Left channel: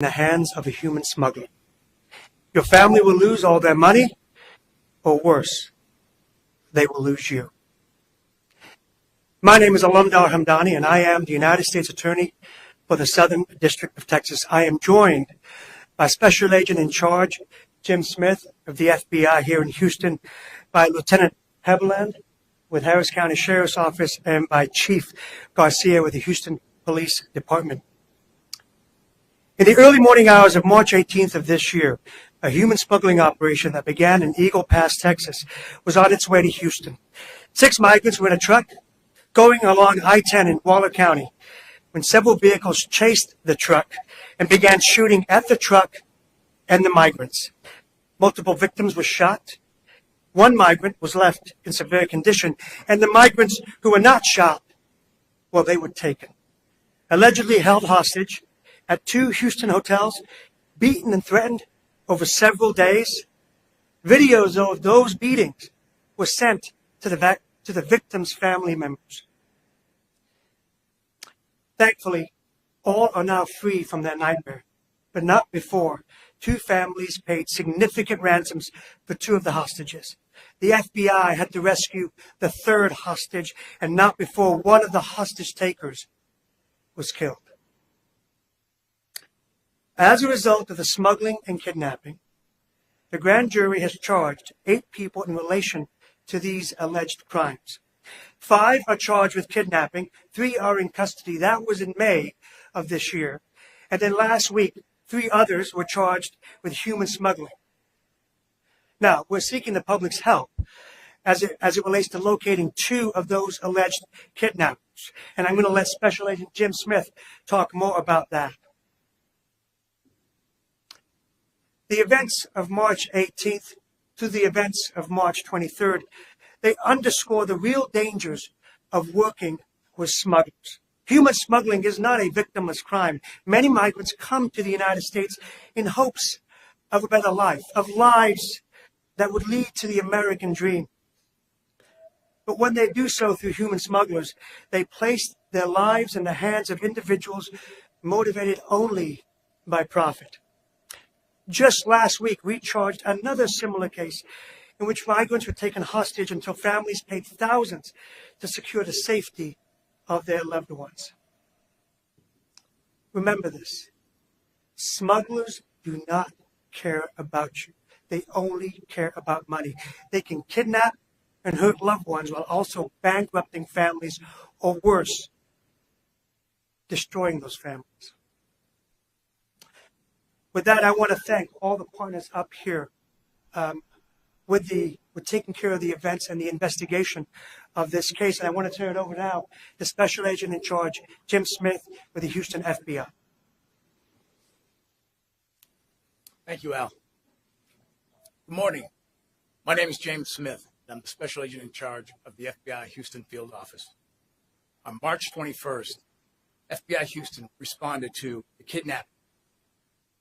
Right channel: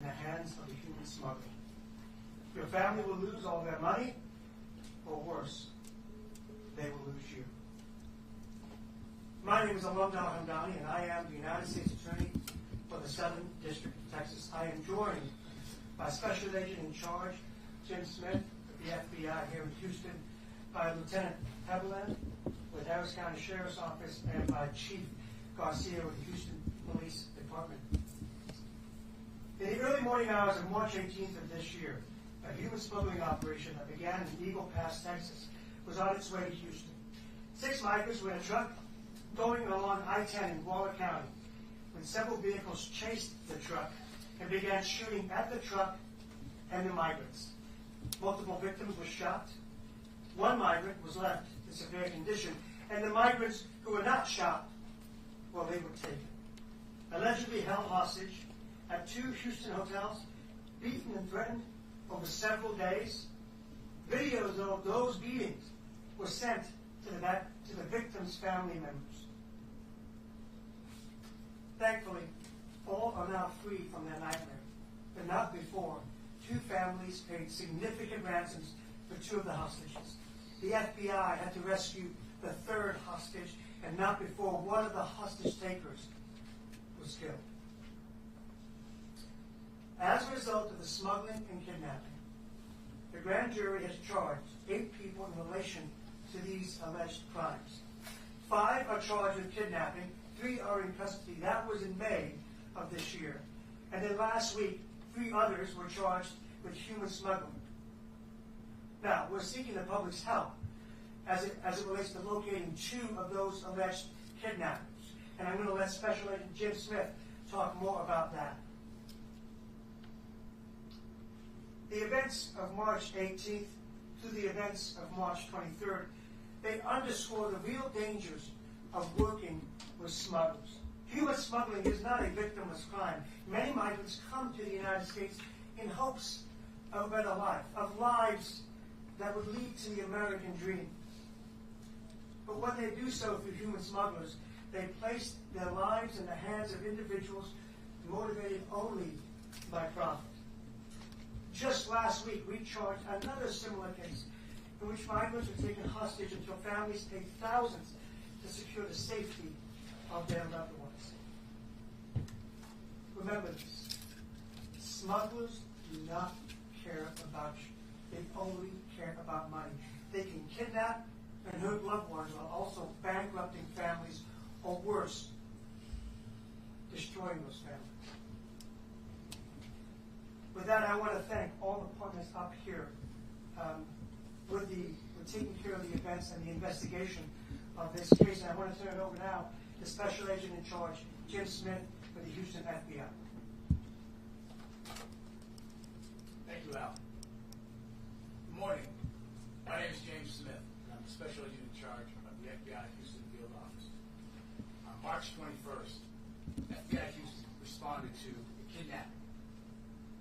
in the hands of a human smuggler. Your family will lose all their money, or worse, they will lose you. My name is Alamdar Hamdani, and I am the United States Attorney for the Southern District of Texas. I am joined by Special Agent in Charge Jim Smith of the FBI here in Houston, by Lieutenant Hebeland with Harris County Sheriff's Office, and by Chief Garcia with the Houston Police Department. In the early morning hours of March 18th of this year, a human smuggling operation that began in Eagle Pass, Texas, was on its way to Houston. 6 migrants were in a truck going along I-10 in Waller County when several vehicles chased the truck and began shooting at the truck and the migrants. Multiple victims were shot. 1 migrant was left in severe condition, and the migrants who were not shot, well, they were taken, allegedly held hostage at 2 Houston hotels, beaten and threatened over several days. Videos of those beatings were sent to the victims' family members. Thankfully, all are now free from their nightmare, but not before 2 families paid significant ransoms for 2 of the hostages. The FBI had to rescue the 3rd hostage, and not before one of the hostage takers was killed. As a result of the smuggling and kidnapping, the grand jury has charged 8 people in relation to these alleged crimes. 5 are charged with kidnapping, 3 are in custody. That was in May of this year. And then last week, 3 others were charged with human smuggling. Now, we're seeking the public's help as it relates to locating 2 of those alleged kidnappers. And I'm going to let Special Agent Jim Smith talk more about that. The events of March 18th to the events of March 23rd, they underscore the real dangers of working with smugglers. Human smuggling is not a victimless crime. Many migrants come to the United States in hopes of a better life, of lives that would lead to the American dream. But when they do so through human smugglers, they place their lives in the hands of individuals motivated only by profit. Just last week, we charged another similar case in which migrants were taken hostage until families paid thousands to secure the safety of their loved ones. Remember this: smugglers do not care about you. They only care about money. They can kidnap and hurt loved ones while also bankrupting families, or worse, destroying those families. With that, I want to thank all the partners up here with taking care of the events and the investigation of this case. And I want to turn it over now to Special Agent in Charge Jim Smith with the Houston FBI. Thank you, Al. Good morning. My name is James Smith, and I'm the Special Agent in Charge of the FBI Houston Field Office. On March 21st, FBI Houston responded to a kidnapping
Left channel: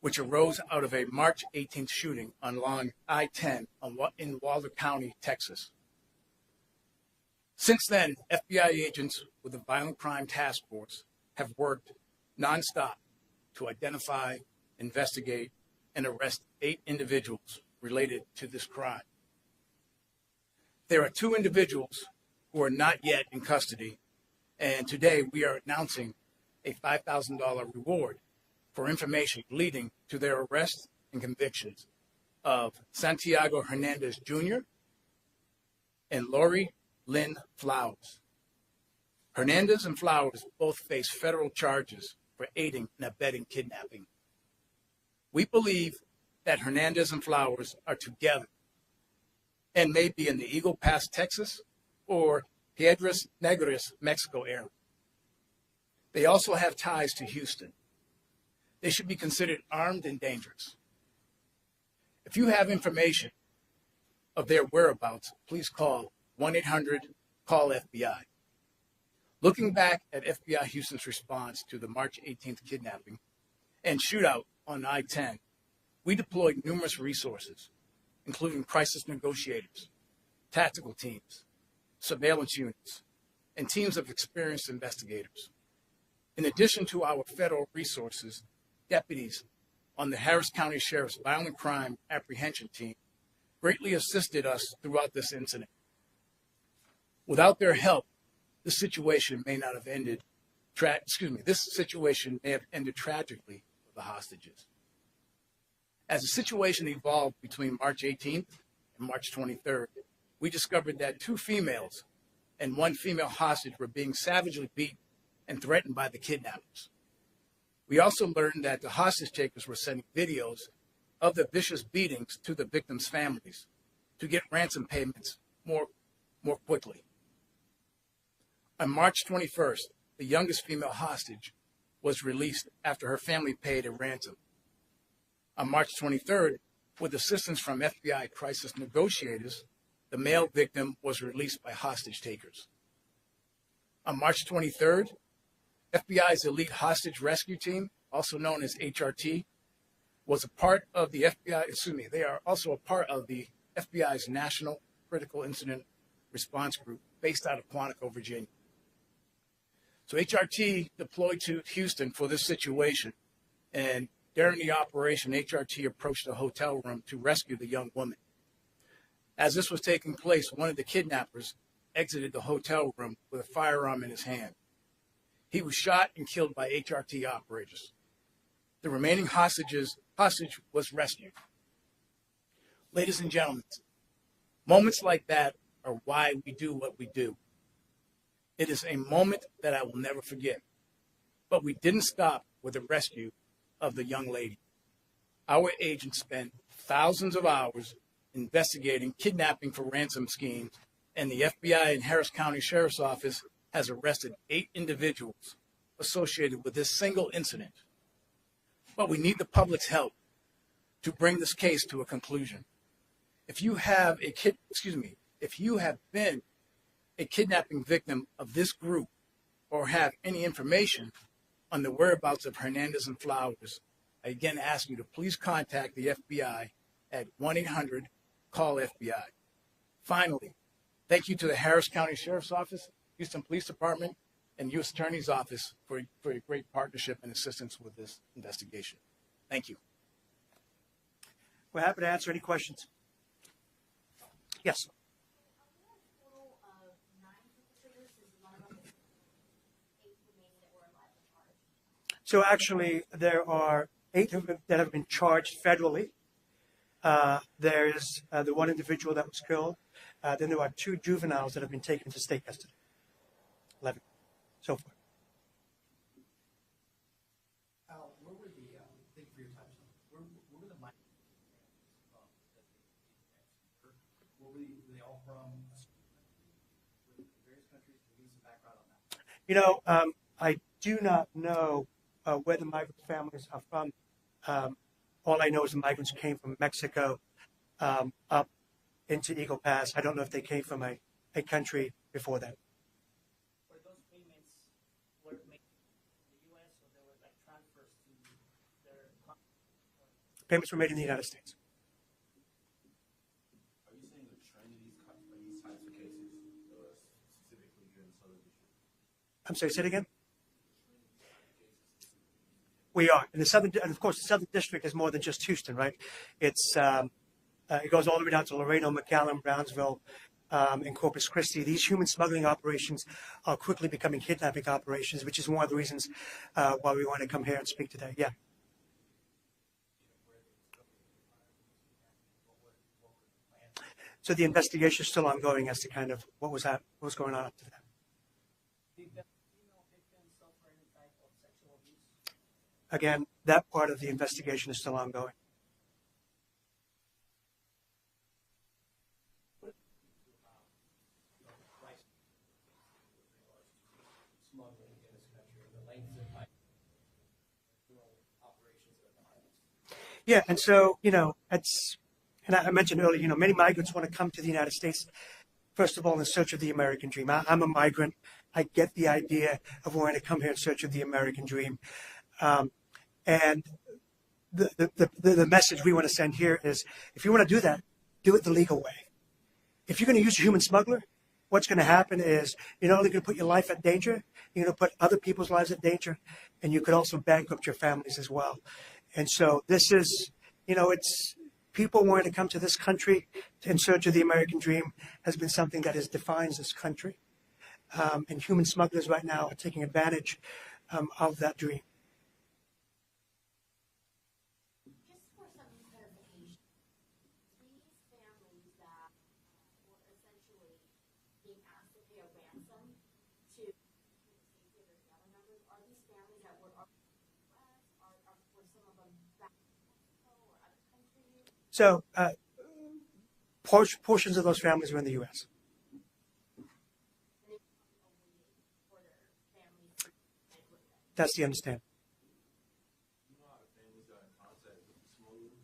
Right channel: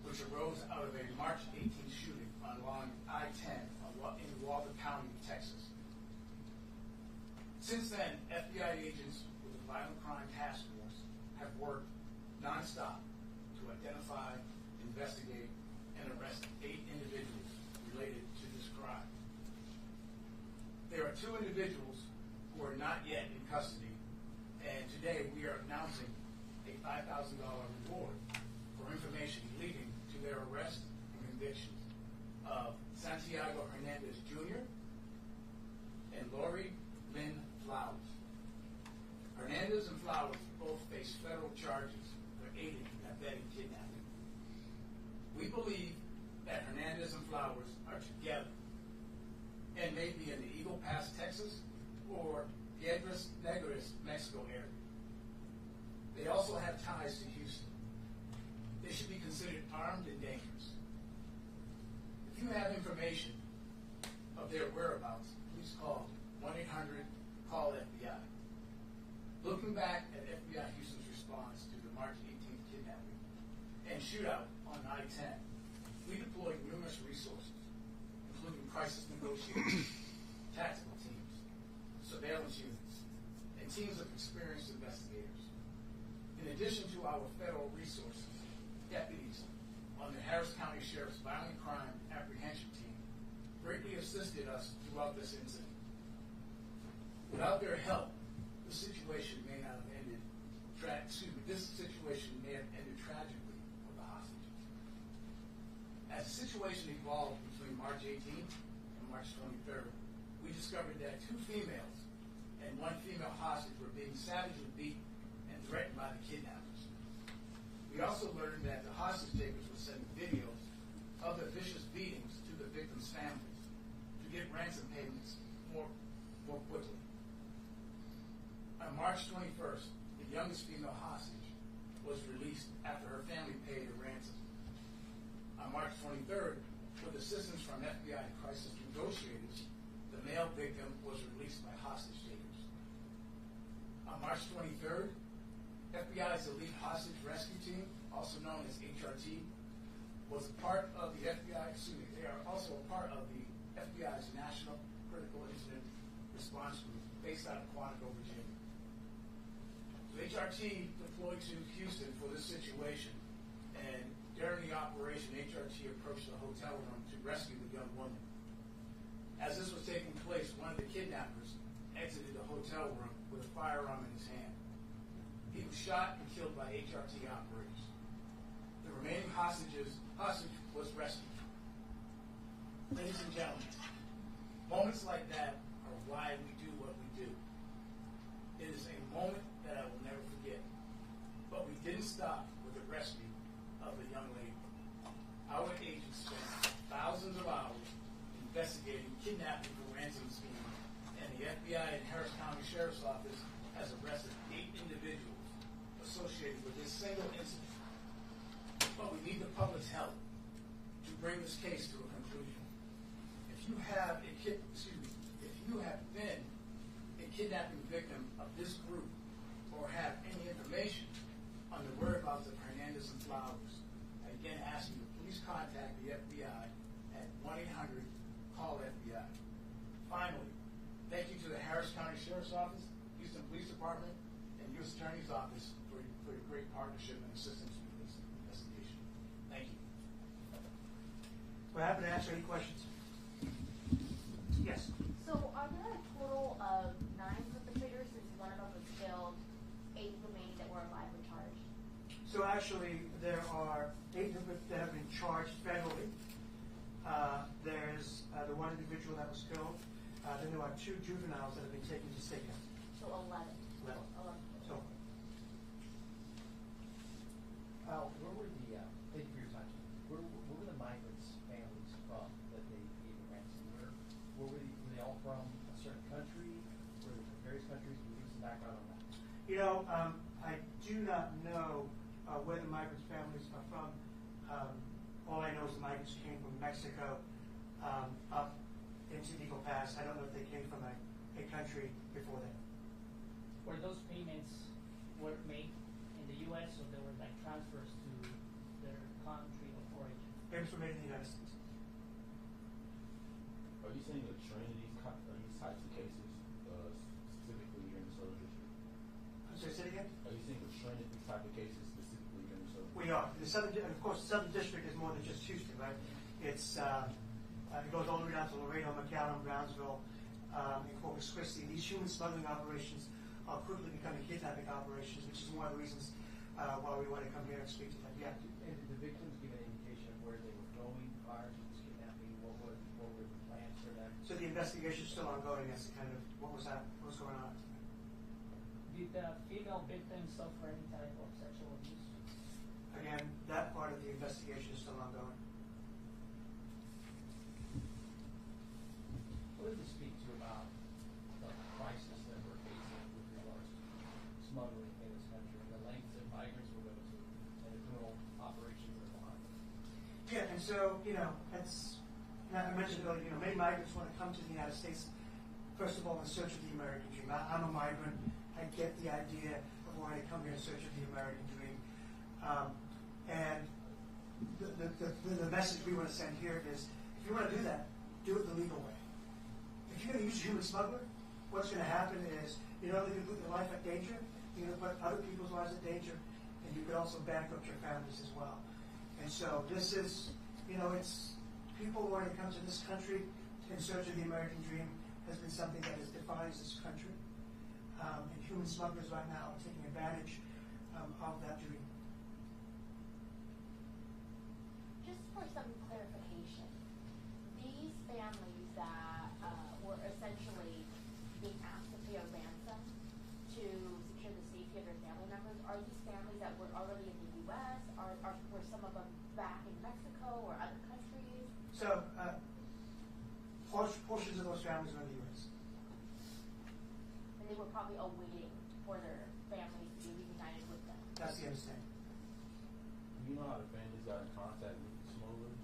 which arose out of a March 18th shooting along I-10 in Waller County, Texas. Since then, FBI agents with the Violent Crime Task Force have worked nonstop to identify, investigate, and arrest 8 individuals related to this crime. There are 2 individuals who are not yet in custody, and today we are announcing a $5,000 reward for information leading to their arrest and convictions of Santiago Hernandez Jr. and Lori Lynn Flowers. Hernandez and Flowers both face federal charges for aiding and abetting kidnapping. We believe that Hernandez and Flowers are together and may be in the Eagle Pass, Texas, or Piedras Negras, Mexico area. They also have ties to Houston. They should be considered armed and dangerous. If you have information of their whereabouts, please call 1-800-CALL-FBI. Looking back at FBI Houston's response to the March 18th kidnapping and shootout on I-10, we deployed numerous resources, including crisis negotiators, tactical teams, surveillance units, and teams of experienced investigators. In addition to our federal resources, deputies on the Harris County Sheriff's Violent Crime Apprehension Team greatly assisted us throughout this incident. Without their help, this situation may not have ended. This situation may have ended tragically for the hostages. As the situation evolved between March 18th and March 23rd, we discovered that 2 females and 1 female hostage were being savagely beaten and threatened by the kidnappers. We also learned that the hostage takers were sending videos of the vicious beatings to the victims' families to get ransom payments more quickly. On March 21st, the youngest female hostage was released after her family paid a ransom. On March 23rd, with assistance from FBI crisis negotiators, the male victim was released by hostage takers. On March 23rd, FBI's elite hostage rescue team, also known as HRT, was a part of the FBI, they are also a part of the FBI's National Critical Incident Response Group based out of Quantico, Virginia. So HRT deployed to Houston for this situation, and during the operation, HRT approached a hotel room to rescue the young woman. As this was taking place, one of the kidnappers exited the hotel room with a firearm in his hand. He was shot and killed by HRT operators. The remaining hostage was rescued. Ladies and gentlemen, moments like that are why we do what we do. It is a moment that I will never forget. But we didn't stop with the rescue of the young lady. Our agents spent thousands of hours investigating kidnapping for ransom schemes, and the FBI and Harris County Sheriff's Office has arrested 8 individuals associated with this single incident. But we need the public's help to bring this case to a conclusion. If you have been a kidnapping victim of this group or have any information on the whereabouts of Hernandez and Flowers, I again ask you to please contact the FBI at 1-800-CALL-FBI. Finally, thank you to the Harris County Sheriff's Office, Houston Police Department, and U.S. Attorney's Office for your great partnership and assistance with this investigation. Thank you. We're happy to answer any questions. Yes. So are there a total of 9 perpetrators since one of them was killed, 8 remaining that were alive and charged? So actually, there are 8 that have been charged federally. There is the 1 individual that was killed. Then there are 2 juveniles that have been taken into state custody. So 11. So far. Where were the, thank you for your time. Where were the migrants' families from that they gave a ransom? Were they all from a certain country? Were they from various countries? Can you give some background on that? You know, I do not know where the migrant families are from. All I know is the migrants came from Mexico up into Eagle Pass. I don't know if they came from a country before that. Were those payments were made in the U.S. or they were like transfers to their country of origin? Payments were made in the United States. Are you saying a trend in these types of cases, specifically here in the Southern District? I'm sorry, say it again? Are you seeing a trend in these type of cases, specifically here in the Southern District? We are. In the Southern, and of course, the Southern District is more than just Houston, right? It's it goes all the way down to Laredo, McAllen, Brownsville, and Corpus Christi. These human smuggling operations are quickly becoming kidnapping operations, which is one of the reasons why we want to come here and speak today. Yeah. And did the victims give an indication of where they were going prior to this kidnapping? What were the plans for that? So the investigation is still ongoing as to kind of what was going on up to that. Did the female victim suffer any type of sexual abuse? Again, that part of the investigation is still ongoing. What did this speak to about the crisis that we're facing with regards to smuggling in this country, the lengths that migrants will go to, and the criminal operations that are behind it? Yeah, and so, you know, and I mentioned earlier, you know, many migrants want to come to the United States, first of all, in search of the American dream. I'm a migrant. I get the idea of wanting to come here in search of the American dream. And the message we want to send here is, if you want to do that, do it the legal way. If you're going to use a human smuggler, what's going to happen is you're not only going to put your life at danger, you're going to put other people's lives at danger, and you could also bankrupt your families as well. And so this is, it's people wanting to come to this country in search of the American dream has been something that has defined this country. And human smugglers right now are taking advantage of that dream. Just for some clarification, these families that were essentially being asked to pay a ransom to secure the safety of their family members, are these families that were already in the U.S.? Were some of them back in Mexico or other countries? So portions of those families were in the U.S. And they were probably awaiting for their families to be reunited with them. That's the understanding. Do you know how the families got in contact with the smugglers?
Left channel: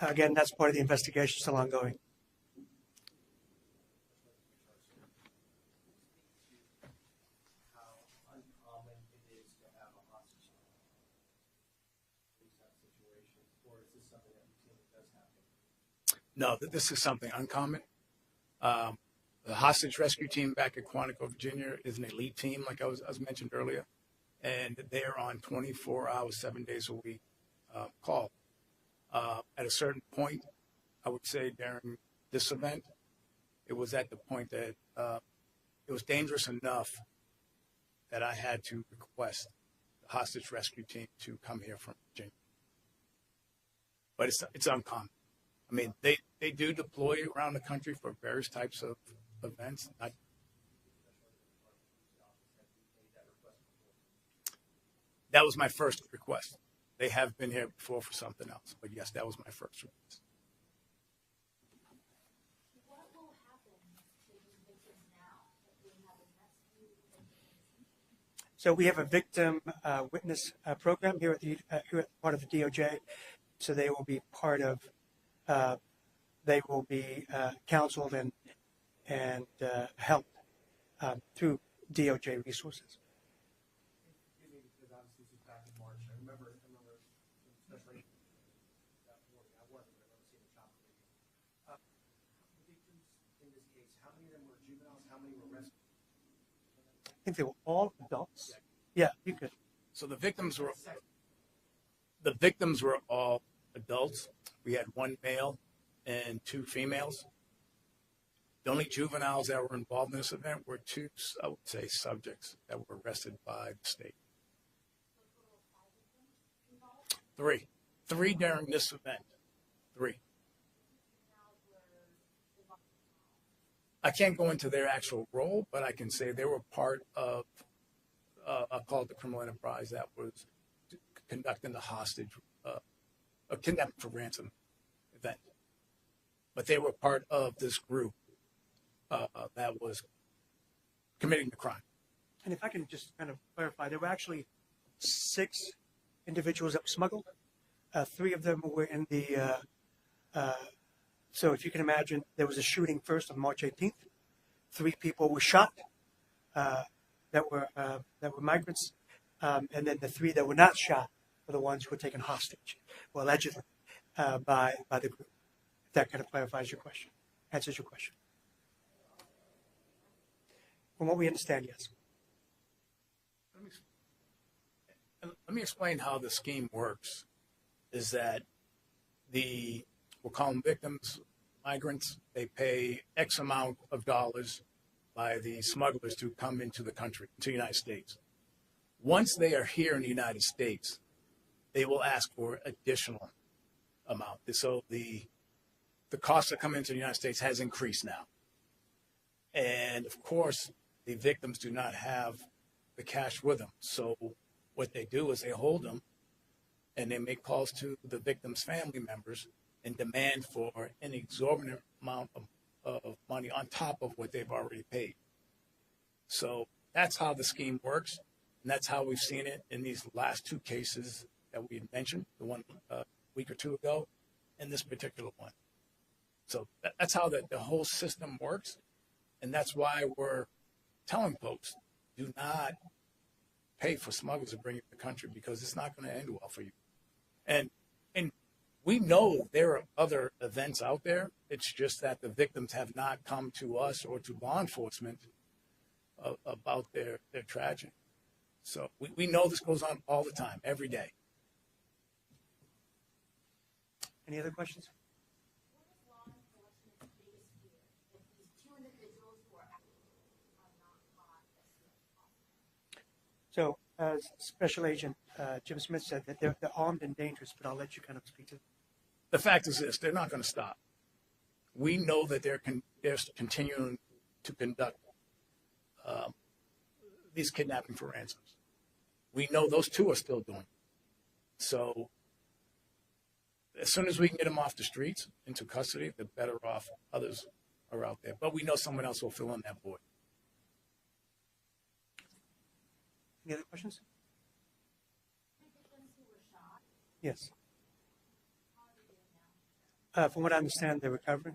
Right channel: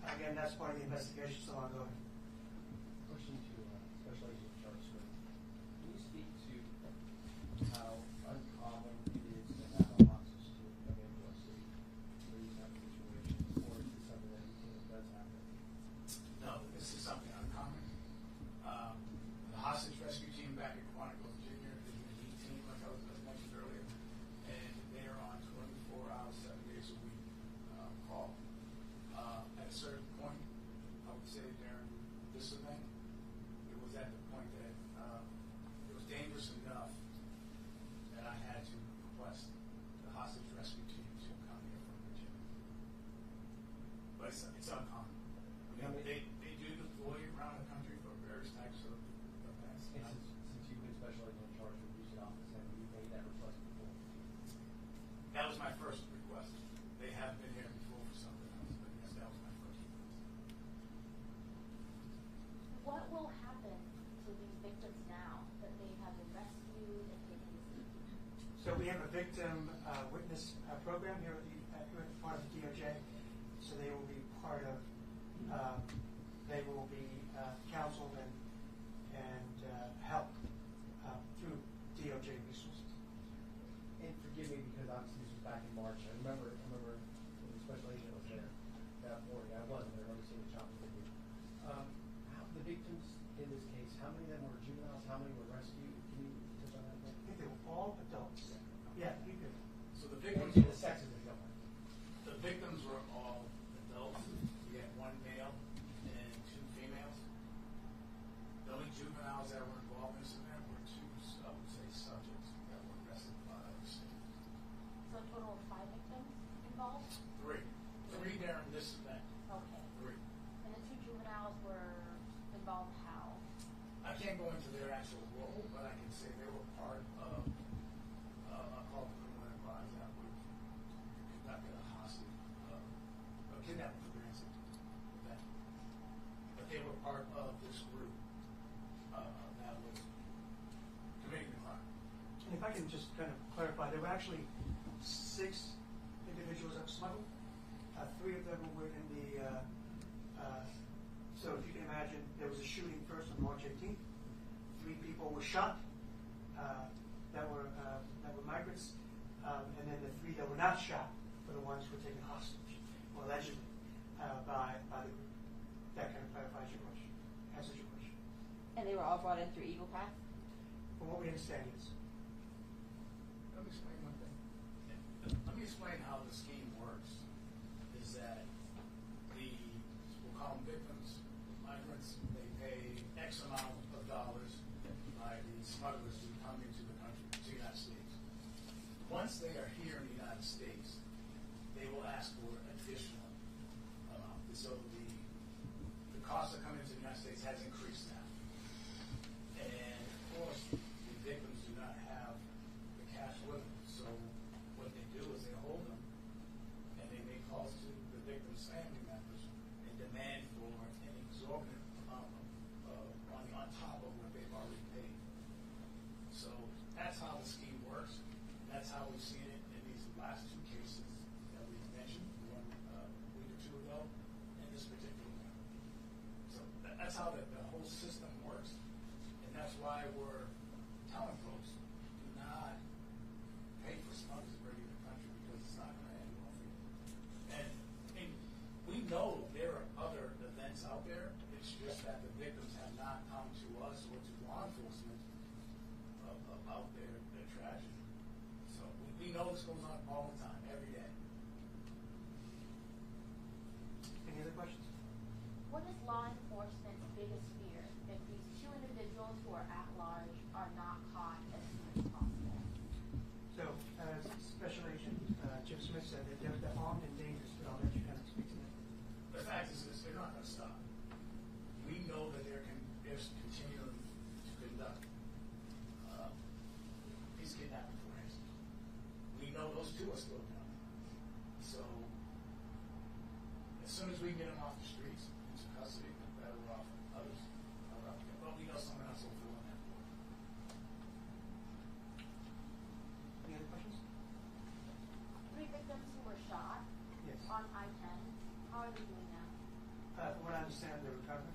Or? Again, that's part of the investigation, still ongoing. Question to Special Agent Charles Smith. Can you speak to how uncommon it is to have a hostage to come into our city for these type of situations, or is this something that routinely does happen? No, this is something uncommon. The hostage rescue team back at Quantico, Virginia is an elite team, like I was mentioned earlier, and they are on 24 hours, 7 days a week call. At a certain point, I would say during this event, it was at the point that it was dangerous enough that I had to request the hostage rescue team to come here from Virginia. But it's uncommon. I mean, they do deploy around the country for various types of events. Since you've been Special Agent in charge of the Houston office, have you made that request before? That was my first request. They have been here before for something else, but yes, that was my first request. What will happen to these victims now that they have been rescued and taken to safety? So we have a victim witness program here at part of the DOJ. So they will be part of. They will be counseled and helped through DOJ resources. And forgive me, because obviously this was back in March. I remember when the Special Agent was there that morning. I wasn't there. I remember seeing the choppers with you. The victims in this case, how many of them were juveniles? How many were rescued? Can you touch on that? I think they were all adults. Yeah, you could. So the victims were all adults. We had one male and two females. The only juveniles that were involved in this event were two, I would say, subjects that were arrested by the state. So a total of 5 victims involved? Three during this event. Okay. 3. And the 2 juveniles were involved how? I can't go into their actual role, but I can say they were part of, I'll call it the criminal enterprise that was conducting the hostage, a kidnapping for ransom event. But they were part of this group that was committing the crime. And if I can just kind of clarify, there were actually 6 individuals that were smuggled. 3 of them were in the. So if you can imagine, there was a shooting first on March 18th. 3 people were shot that were migrants, and then the 3 that were not shot were the ones who were taken hostage, well, allegedly, by the group. If that kind of clarifies your question, answers your question. And they were all brought in through Eagle Pass? From what we understand, yes. Let me explain one thing. Let me explain how the scheme works. Is that we'll call them victims, migrants. They pay X amount of dollars by the smugglers to come into the country, to the United States. Once they are here in the United States, they will ask for additional amount. So the cost of coming into the United States has increased now. And of course, the victims do not have the cash with them. So what they do is they hold them and they make calls to the victim's family members and demand for an exorbitant amount of money on top of what they've already paid. So that's how the scheme works, and that's how we've seen it in these last 2 cases that we mentioned, the one a week or 2 ago, and this particular one. So that's how the whole system works, and that's why we're telling folks, do not pay for smugglers to bring you to the country, because it's not going to end well for you. And we know there are other events out there. It's just that the victims have not come to us or to law enforcement about their tragedy. So we know this goes on all the time, every day. questions? What is law enforcement's biggest fear if these two individuals who are at large are not caught as soon as possible? So, as Special Agent Jim Smith said, that they're armed and dangerous, but I'll let you kind of speak to that. The fact is this, they're not going to stop. We know that they're continuing to conduct these kidnapping for ransoms. We know those two are still doing it. So as soon as we can get them off the streets into custody, the better off others are out there. But we know someone else will fill in that void. Any other questions? 3 victims who were shot Yes. on I-10, how are they doing now? From what I understand, they're recovering.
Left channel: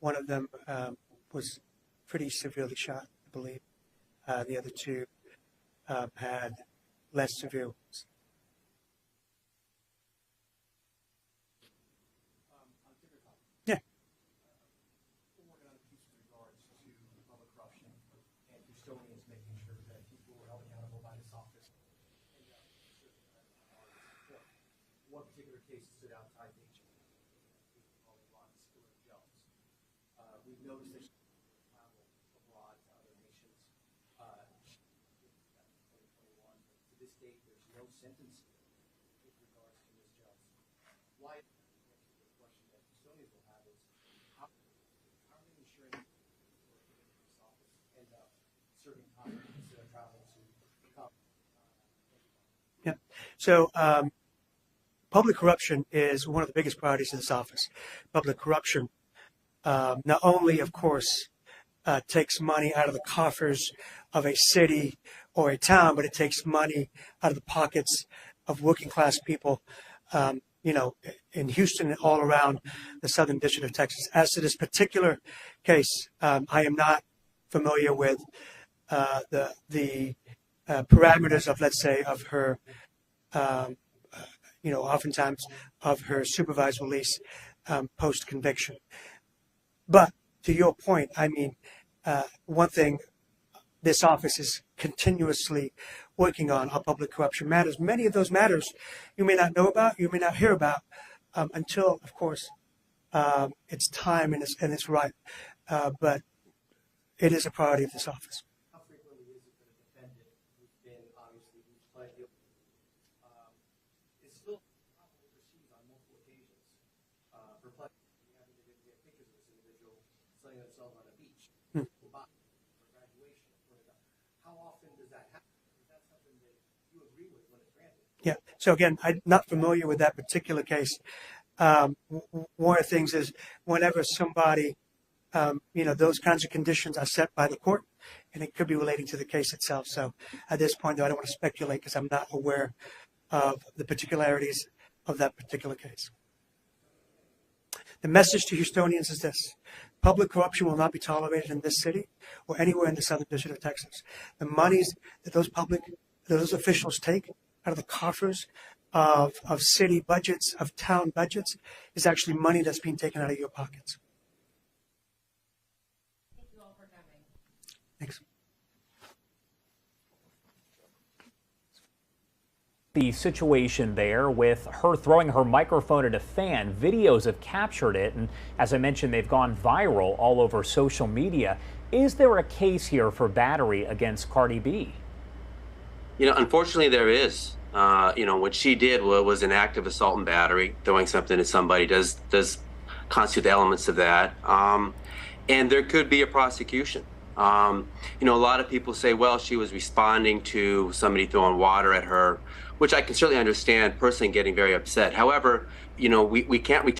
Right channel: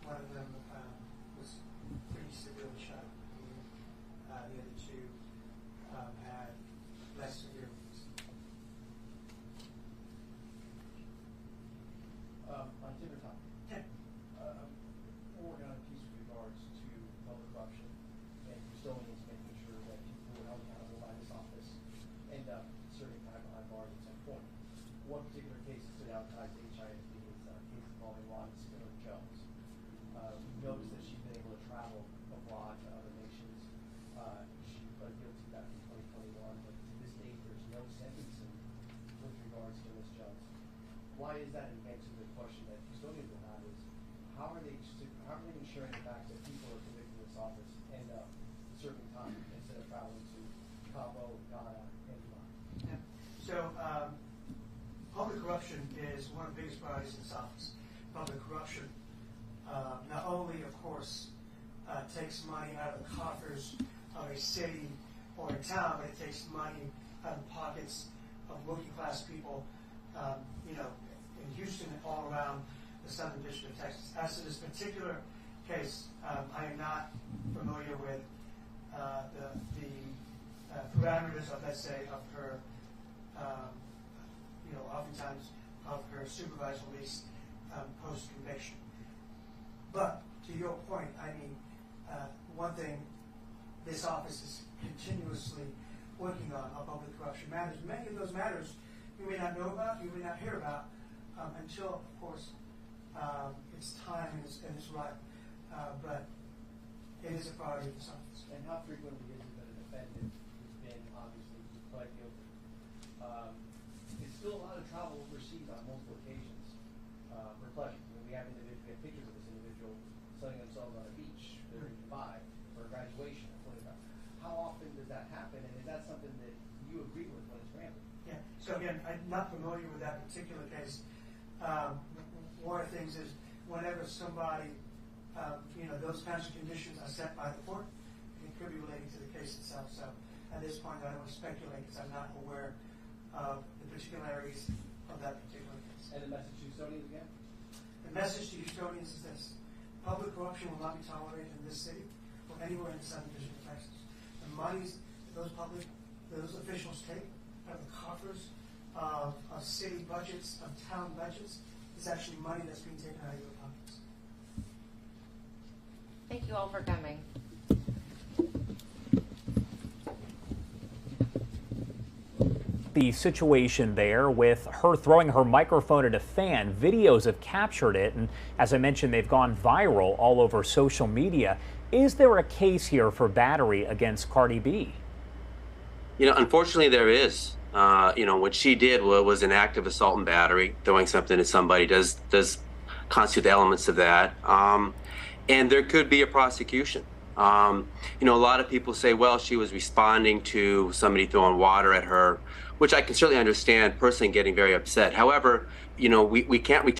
One of them was pretty severely shot, I believe. The other two had less severe wounds. On dinner time, Yeah. we're working on a piece with regards to public corruption and custodians making sure that people are held accountable by this office end up serving time behind bars at some point. One particular case that stood out tied to HISD is a case involving Ron Spiller Jones. We've noticed that she's been able to travel abroad to other nations. She pled guilty back in 2021, but to this date, there's no sentencing with regards to Ms. Jones. Why is that? And answer the question that custodians will have is, how are they ensuring the fact that people are convicted of this office end up serving time instead of traveling to Cabo, Ghana, and Dubai? Yeah. So public corruption is one of the biggest priorities of this office. Public corruption not only, of course, takes money out of the coffers of a city or a town, but it takes money out of the pockets of working class people, in Houston and all around the Southern District of Texas. As to this particular case, I am not familiar with the parameters of, let's say, of her, oftentimes of her supervised release post-conviction. But to your point, I mean, one thing this office is continuously working on are public corruption matters. Many of those matters you may not know about, you may not hear about until, of course, it's time and it's right. But it is a priority of this office. And how frequently is it that a defendant who's been obviously pled guilty is still allowed to travel overseas on multiple occasions for pleasure? I mean, we have pictures of this individual sunning themselves on a beach in Dubai for graduation. How often does that happen, and is that something that you agree with when it's rampant? Yeah. So again, I'm not familiar with that particular case. One of the things is whenever somebody, those kinds of conditions are set by the court, and it could be relating to the case itself. So at this point, though, I don't want to speculate because I'm not aware of the particularities of that particular case. And the message to Houstonians again? The message to Houstonians is this: public corruption will not be tolerated in this city or anywhere in the Southern District of Texas. The monies that those officials take out of the coffers of city budgets, of town budgets, is actually money that's being taken out of your pockets. Thank you all for coming. Thanks. The situation there with her throwing her microphone at a fan. Videos have captured it, and as I mentioned, they've gone viral all over social media. Is there a case here for battery against Cardi B? Unfortunately, there is. What she did was an act of assault and battery. Throwing something at somebody does constitute the elements of that. And there could be a prosecution. A lot of people say, well, she was responding to somebody throwing water at her, which I can certainly understand personally getting very upset. However, we can't